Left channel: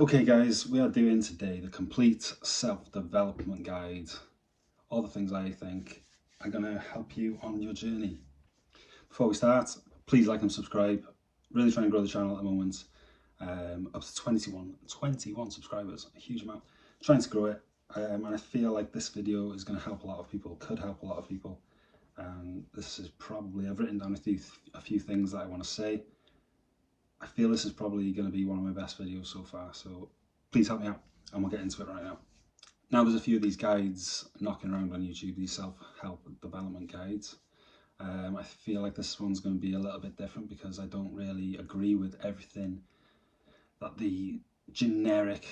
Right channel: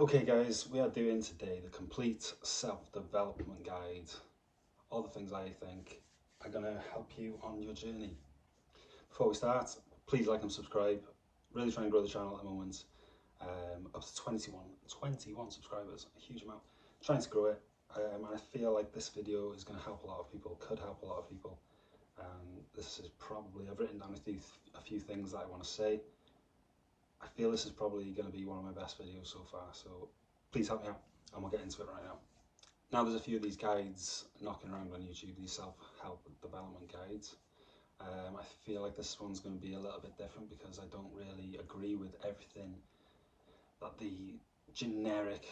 Okay guys, we are doing today the complete self-development guide. All the things I think are going to help you on your journey. Before we start, please like and subscribe. Really trying to grow the channel at the moment. Up to 21 subscribers, a huge amount. Trying to grow it, and I feel like this video is going to help a lot of people, could help a lot of people. This is probably, I've written down a few things that I want to say. I feel this is probably going to be one of my best videos so far, so please help me out and we'll get into it right now. Now there's a few of these guides knocking around on YouTube, these self-help development guides. I feel like this one's going to be a little bit different because I don't really agree with everything that the generic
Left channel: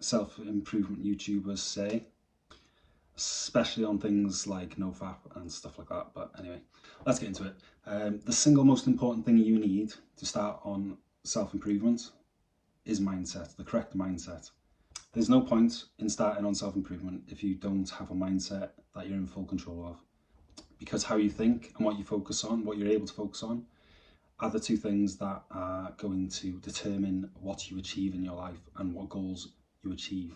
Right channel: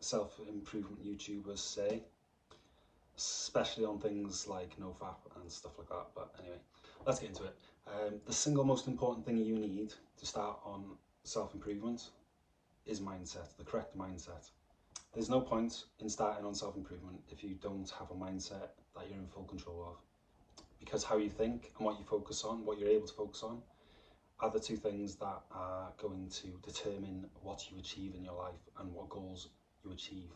self-improvement YouTubers say, especially on things like NoFap and stuff like that. But anyway, let's get into it. The single most important thing you need to start on self-improvement is mindset, the correct mindset. There's no point in starting on self-improvement if you don't have a mindset that you're in full control of. Because how you think and what you focus on, what you're able to focus on, are the two things that are going to determine what you achieve in your life and what goals you achieve.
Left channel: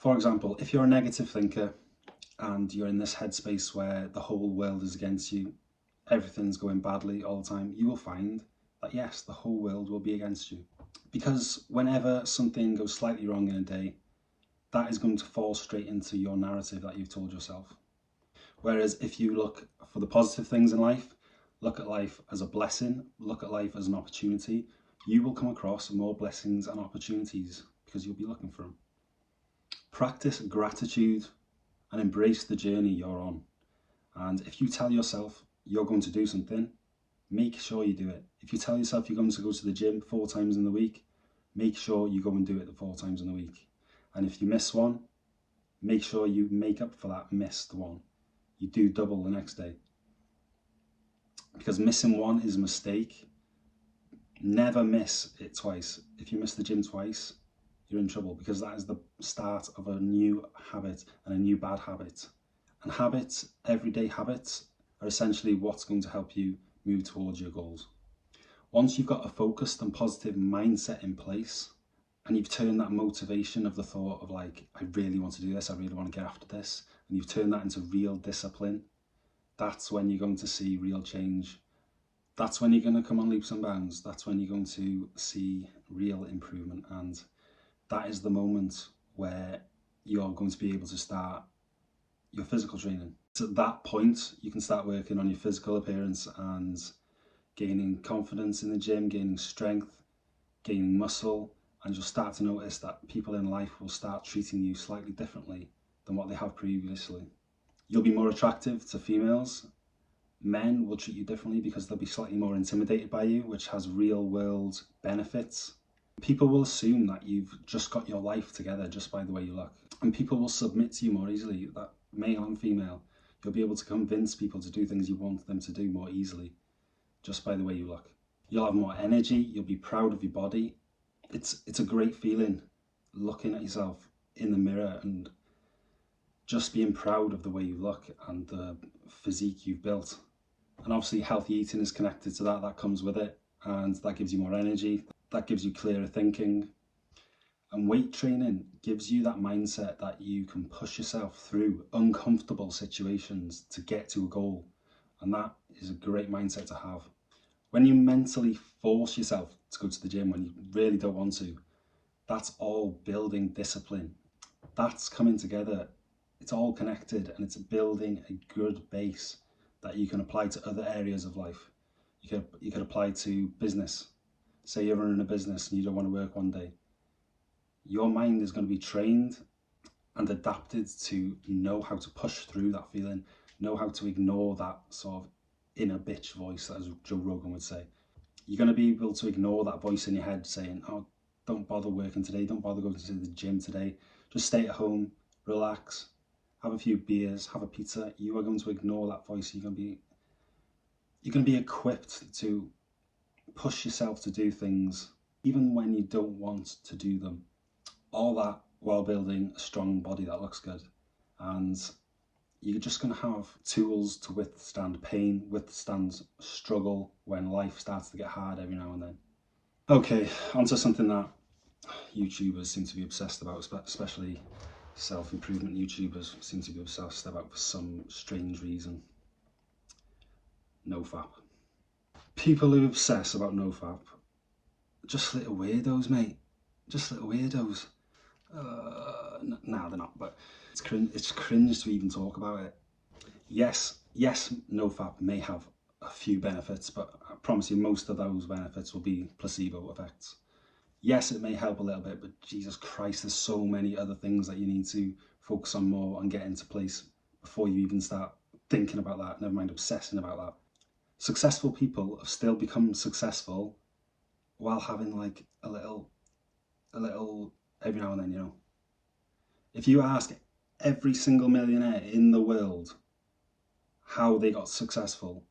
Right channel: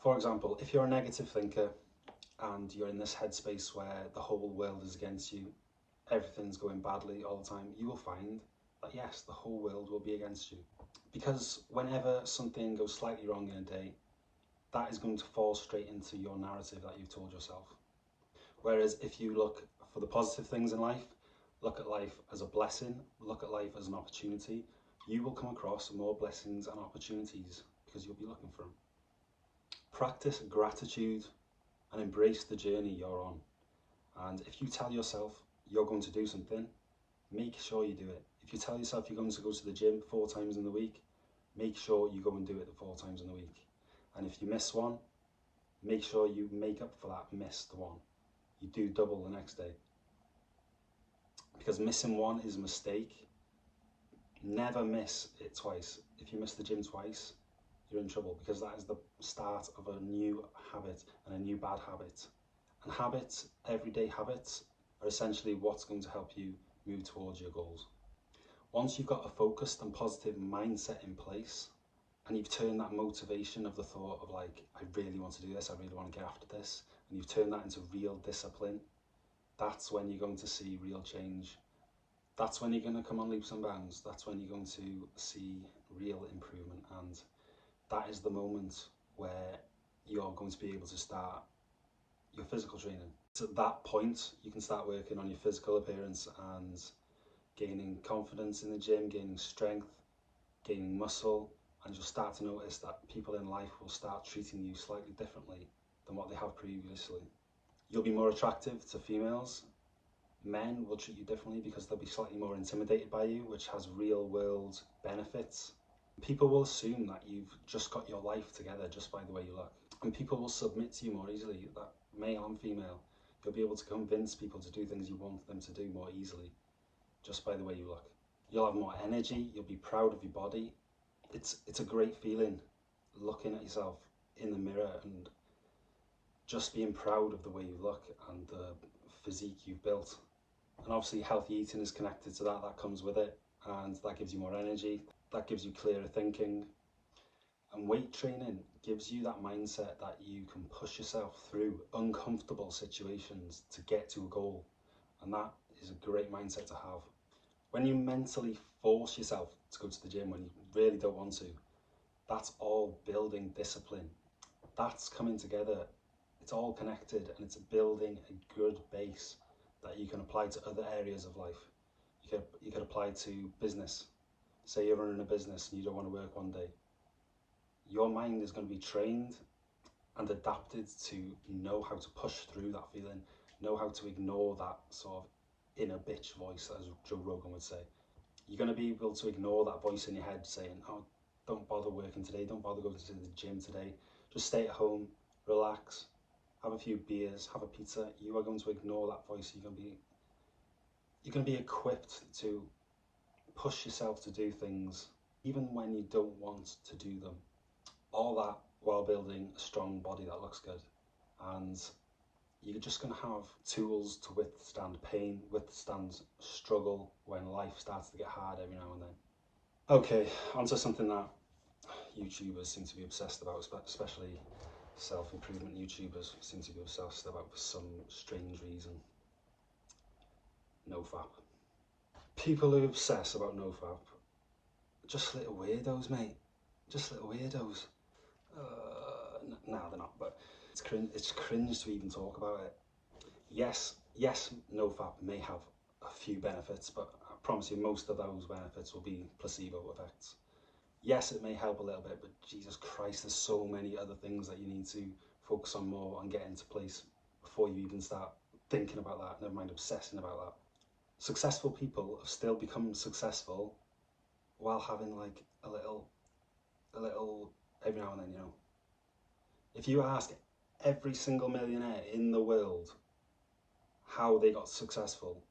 For example, if you're a negative thinker and you're in this headspace where the whole world is against you, everything's going badly all the time, you will find that yes, the whole world will be against you. Because whenever something goes slightly wrong in a day, that is going to fall straight into your narrative that you've told yourself. Whereas if you look for the positive things in life, look at life as a blessing, look at life as an opportunity, you will come across more blessings and opportunities because you'll be looking for them. Practice gratitude and embrace the journey you're on. And if you tell yourself you're going to do something, make sure you do it. If you tell yourself you're going to go to the gym 4 times in the week, make sure you go and do it the 4 times in the week. And if you miss one, make sure you make up for that missed one. You do double the next day. Because missing one is a mistake. Never miss it twice. If you miss the gym twice, you're in trouble because that is the start of a new habit and a new bad habit. And habits, everyday habits, are essentially what's going to help you move towards your goals. Once you've got a focused and positive mindset in place, and you've turned that motivation of the thought of like, I really want to do this, I really want to get after this, and you've turned that into real discipline, that's when you're going to see real change. That's when you're going to come on leaps and bounds. That's when you're going to see real improvement. And that is the moment where you're going to be able to start your physical training. So at that point, you can start working on your physical appearance and gaining confidence in the gym, gaining strength, gaining muscle, and you'll start to notice that people in life will start treating you slightly differently than what they have previously. You'll be more attractive to females. Men will treat you differently because they'll be slightly more intimidated by you, which has real world benefits. People will assume that you've just got your life together just by the way you look. And people will submit to you more easily, that male and female. You'll be able to convince people to do things you want them to do more easily just by the way you look. You'll have more energy, you'll be proud of your body. It's a great feeling looking at yourself in the mirror and just being proud of the way you look and the physique you've built. And obviously healthy eating is connected to that, that comes with it, and that gives you more energy, that gives you clearer thinking. And weight training gives you that mindset that you can push yourself through uncomfortable situations to get to a goal. And that is a great mindset to have. When you mentally force yourself to go to the gym when you really don't want to, that's all building discipline. That's coming together. It's all connected and it's building a good base that you can apply to other areas of life. You could apply to business. Say you're running a business and you don't want to work one day. Your mind is going to be trained and adapted to know how to push through that feeling, know how to ignore that sort of inner bitch voice, as Joe Rogan would say. You're going to be able to ignore that voice in your head saying, oh, don't bother working today, don't bother going to the gym today, just stay at home, relax, have a few beers, have a pizza. You are going to ignore that voice. You're going to be equipped to push yourself to do things even when you don't want to do them. All that while building a strong body that looks good. And you're just going to have tools to withstand pain, withstand struggle when life starts to get hard every now and then. Okay, onto something that YouTubers seem to be obsessed about, especially self-improvement YouTubers seem to be obsessed about for some strange reason. NoFap. People who obsess about NoFap, just little weirdos, mate. Just little weirdos. Nah, they're not, but it's cringe to even talk about it. Yes, NoFap may have a few benefits, but I promise you most of those benefits will be placebo effects. Yes, it may help a little bit, but Jesus Christ, there's so many other things that you need to focus on more and get into place before you even start thinking about that, never mind obsessing about that. Successful people have still become successful while having like a little every now and then, you know. If you ask every single millionaire in the world how they got successful,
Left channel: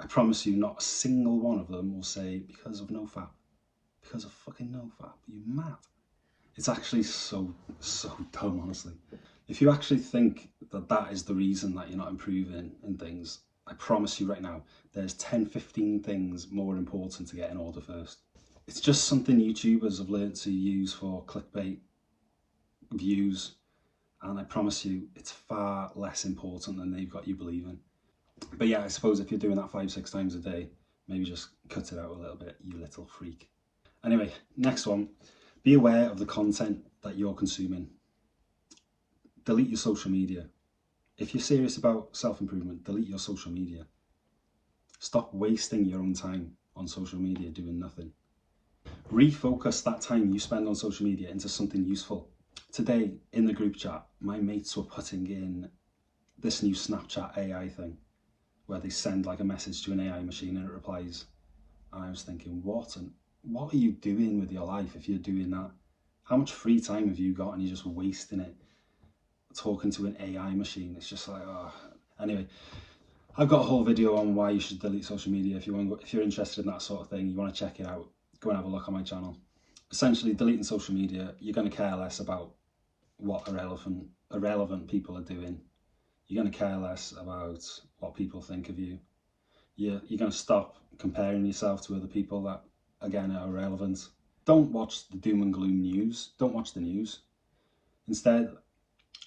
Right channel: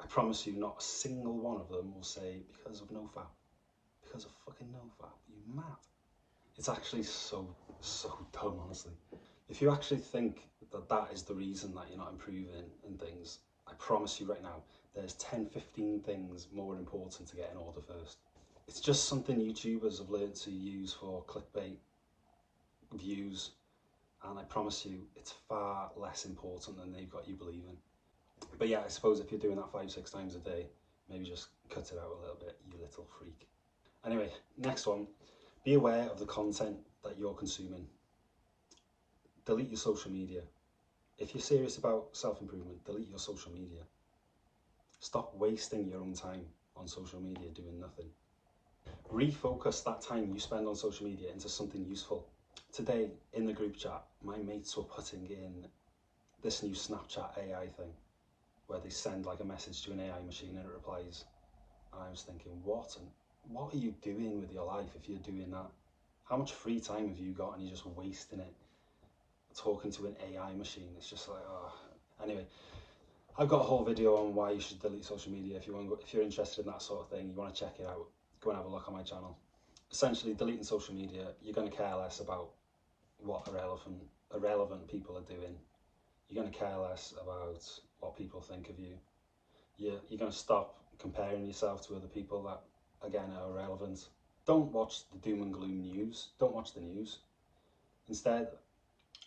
I promise you not a single one of them will say because of NoFap. Because of fucking NoFap. You mad? It's actually so dumb, honestly. If you actually think that that is the reason that you're not improving in things, I promise you right now, there's 10, 15 things more important to get in order first. It's just something YouTubers have learned to use for clickbait, views, and I promise you, it's far less important than they've got you believing. But yeah, I suppose if you're doing that 5-6 times a day, maybe just cut it out a little bit, you little freak. Anyway, next one, be aware of the content that you're consuming. Delete your social media. If you're serious about self-improvement, delete your social media. Stop wasting your own time on social media doing nothing. Refocus that time you spend on social media into something useful. Today, in the group chat, my mates were putting in this new Snapchat AI thing, where they send like a message to an AI machine and it replies. And I was thinking, what are you doing with your life if you're doing that? How much free time have you got and you're just wasting it talking to an AI machine? It's just like, oh. Anyway, I've got a whole video on why you should delete social media. If you're interested in that sort of thing, you want to check it out, go and have a look on my channel. Essentially, deleting social media, you're going to care less about what irrelevant people are doing. You're going to care less about what people think of you. You're going to stop comparing yourself to other people that, again, are irrelevant. Don't watch the doom and gloom news. Don't watch the news. Instead,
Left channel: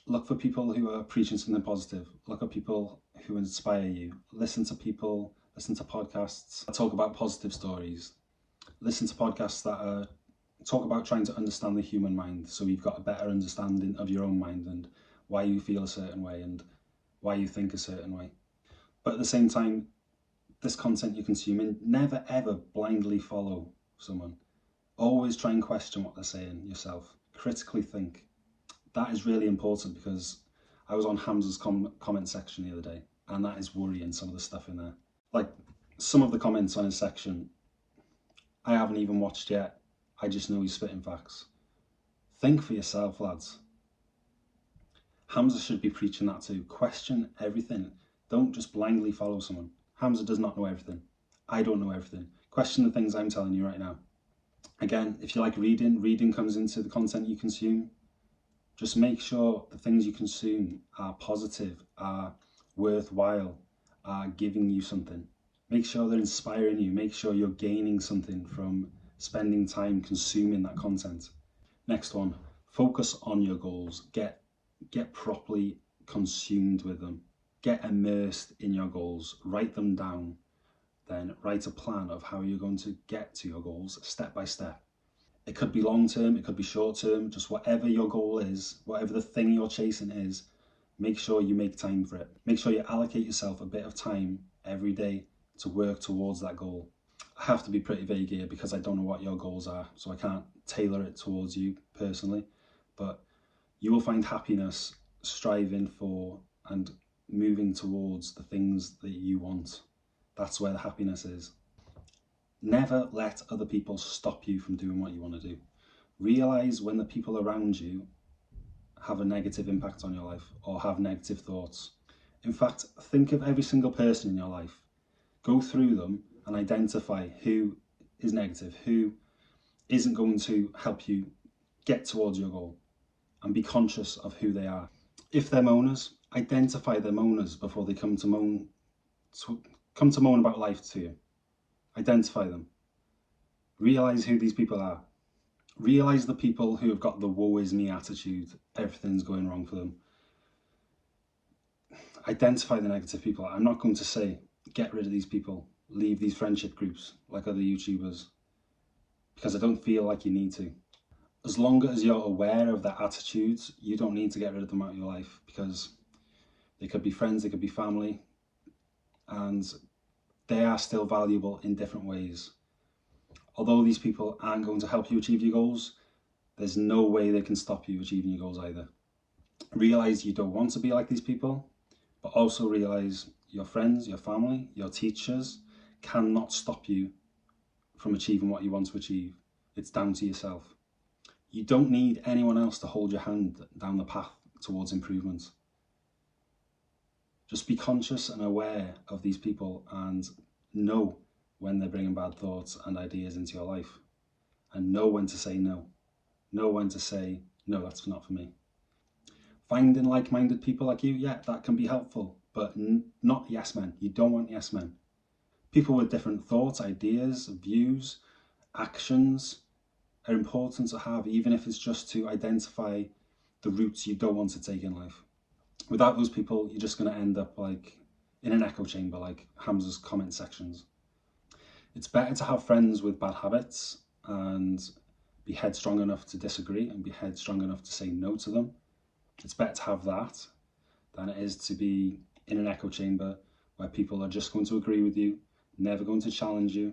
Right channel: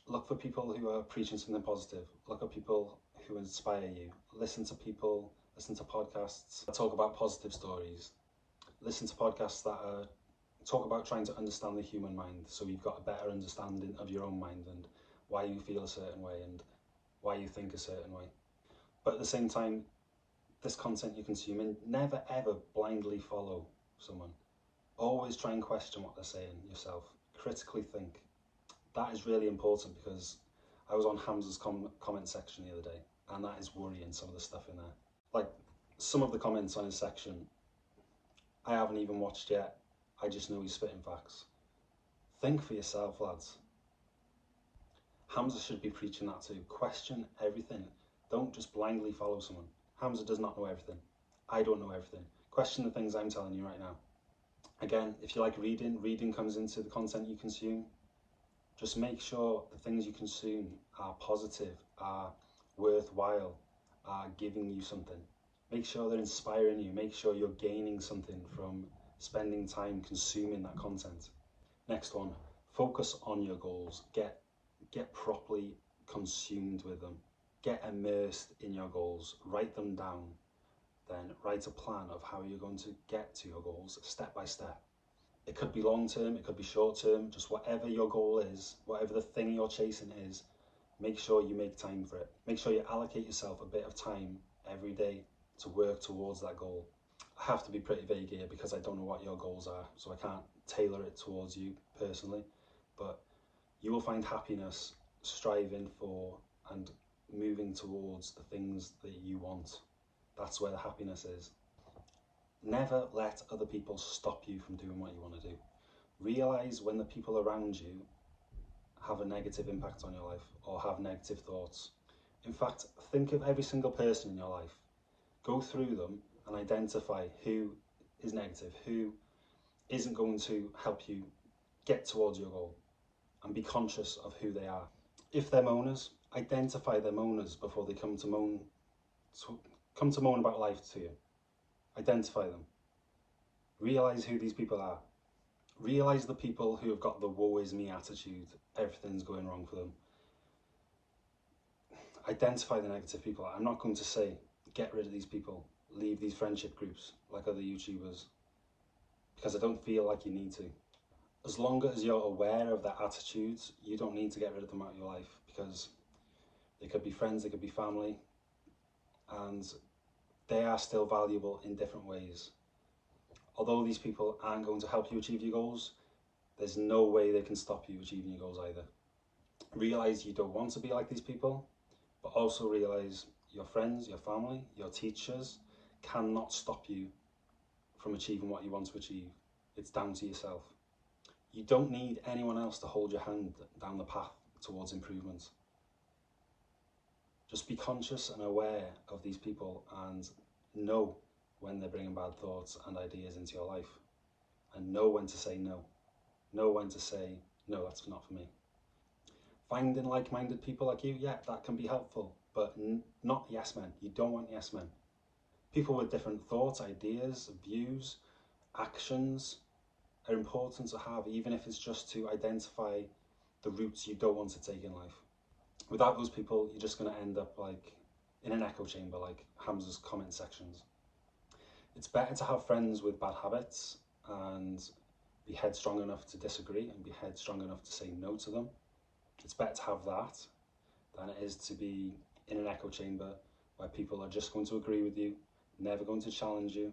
look for people who are preaching something positive. Look at people who inspire you. Listen to podcasts that talk about positive stories. Listen to podcasts that talk about trying to understand the human mind, so you've got a better understanding of your own mind and why you feel a certain way and why you think a certain way. But at the same time, this content you're consuming, never ever blindly follow someone. Always try and question what they're saying yourself. Critically think. That is really important, because I was on Hamza's comment section the other day, and that is worrying, some of the stuff in there. Like, some of the comments on his section, I haven't even watched yet. I just know he's spitting facts. Think for yourself, lads. Hamza should be preaching that too. Question everything. Don't just blindly follow someone. Hamza does not know everything. I don't know everything. Question the things I'm telling you right now. Again, if you like reading comes into the content you consume. Just make sure the things you consume are positive, are worthwhile, are giving you something. Make sure they're inspiring you. Make sure you're gaining something from spending time consuming that content. Next one, focus on your goals. Get properly consumed with them. Get immersed in your goals. Write them down. Then write a plan of how you're going to get to your goals step by step. It could be long term, it could be short term, just whatever your goal is, whatever the thing you're chasing is, make sure you make time for it. Make sure you allocate yourself a bit of time every day to work towards that goal. I have to be pretty vague here because I don't know what your goals are, so I can't tailor it towards you personally, but you will find happiness striving for and moving towards the things that you want. That's where the happiness is. Never let other people stop you from doing what you want to do. Realise when the people around you have a negative impact on your life or have negative thoughts. In fact, think of every single person in your life. Go through them and identify who is negative, who isn't going to help you get towards your goal, and be conscious of who they are. If they're moaners, identify their moaners before they come to moan about life to you. Identify them. Realise who these people are. Realise the people who have got the woe is me attitude, everything's going wrong for them. Identify the negative people. I'm not going to say get rid of these people, leave these friendship groups like other YouTubers, because I don't feel like you need to. As long as you're aware of their attitudes, you don't need to get rid of them out of your life, because they could be friends, they could be family, and they are still valuable in different ways. Although these people aren't going to help you achieve your goals, there's no way they can stop you achieving your goals either. Realise you don't want to be like these people, but also realise your friends, your family, your teachers cannot stop you from achieving what you want to achieve. It's down to yourself. You don't need anyone else to hold your hand down the path towards improvement. Just be conscious and aware of these people and know when they're bringing bad thoughts and ideas into your life, and know when to say no. Know when to say, no, that's not for me. Finding like-minded people like you, yeah, that can be helpful, but not yes men. You don't want yes men. People with different thoughts, ideas, views, actions are important to have, even if it's just to identify the routes you don't want to take in life. Without those people, you're just going to end up like in an echo chamber, like Hamza's comment sections. It's better to have friends with bad habits and be headstrong enough to disagree and be headstrong enough to say no to them. It's better to have that than it is to be in an echo chamber where people are just going to agree with you, never going to challenge you,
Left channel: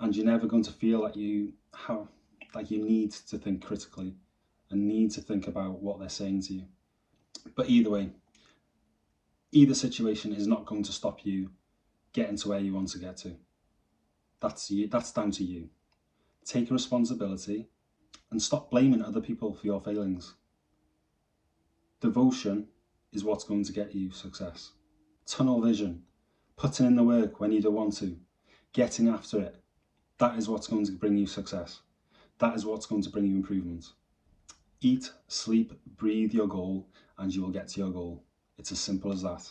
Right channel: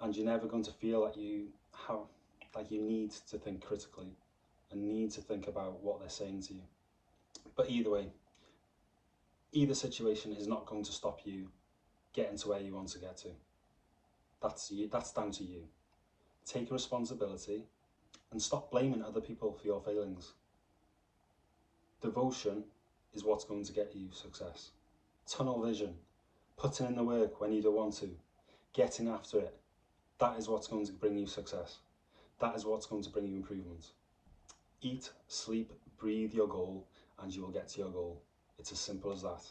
and you're never going to feel like you need to think critically and need to think about what they're saying to you. But either way, either situation is not going to stop you getting to where you want to get to. That's down to you. Take responsibility and stop blaming other people for your failings. Devotion is what's going to get you success. Tunnel vision, putting in the work when you don't want to, getting after it, that is what's going to bring you success. That is what's going to bring you improvement. Eat, sleep, breathe your goal, and you will get to your goal. It's as simple as that.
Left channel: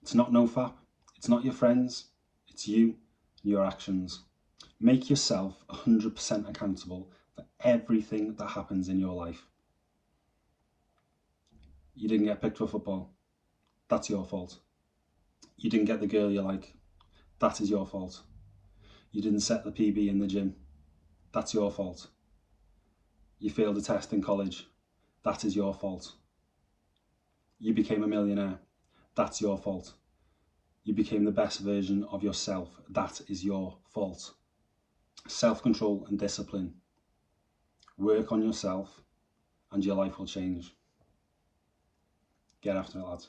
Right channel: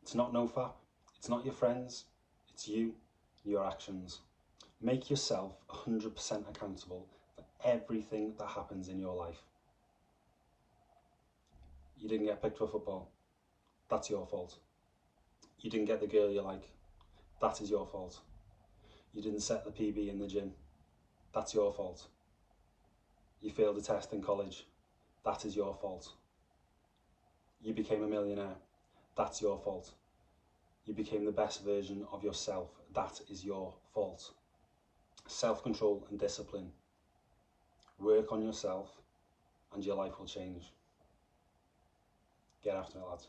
It's not NoFap, it's not your friends, it's you and your actions. Make yourself 100% accountable for everything that happens in your life. You didn't get picked for football, that's your fault. You didn't get the girl you like, that is your fault. You didn't set the PB in the gym, that's your fault. You failed a test in college, that is your fault. You became a millionaire, that's your fault. You became the best version of yourself, that is your fault. Self-control and discipline. Work on yourself and your life will change. Get after it, lads.